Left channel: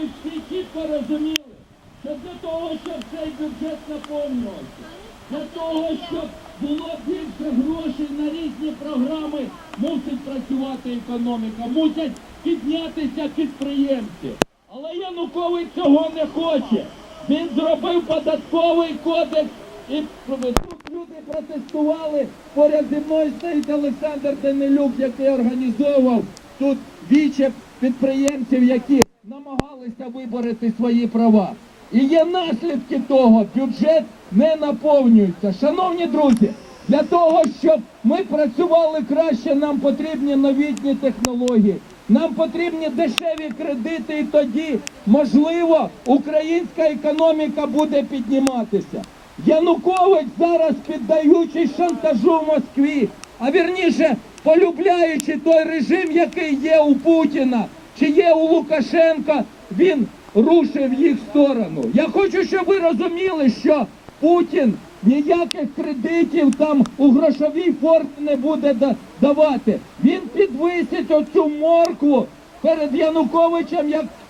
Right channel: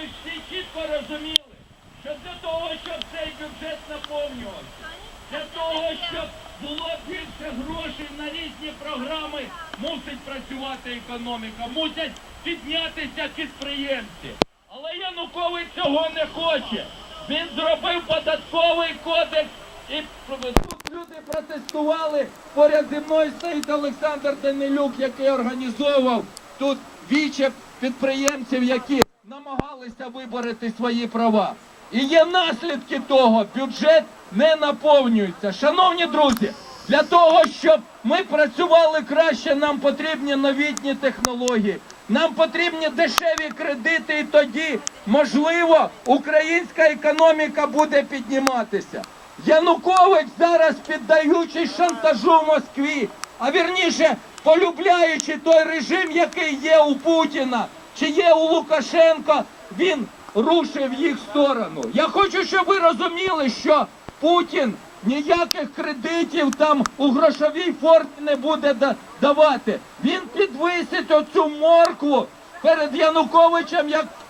ми всі чітко розуміли, що для того, щоб цей бюджет наповнювався, для того, щоб було більше грошей на різні програми, мусить працювати економіка, мусять піднятися підприємці. Але Янукович цього не хоче. Він зробив податковий кодекс і тут люди протестували. Поряд зі мною стоїть Олександр Данилюк, який організовував тут віче підприємців, які намагалися вибороти свої права. І є наслідки того, бюджет не наповнюється. Шановні друзі, для того, щоб ми працювали краще, нам потрібні новітні технології. Нам потрібні дешеві кредити, і тоді, можливо, українська економіка буде підніматися. Янукович зараз піддаючись шантажу в Москві, а вірніше полюбляючи той режим, який є у Путіна чи є у Лукашенка, він рушив їх сторону. Я хочу, щоб ви розуміли, що Путін ніяких кредитів там у грошовій формі не буде да- давати. Він підвисить оцю моркву перед Януковичем, як, як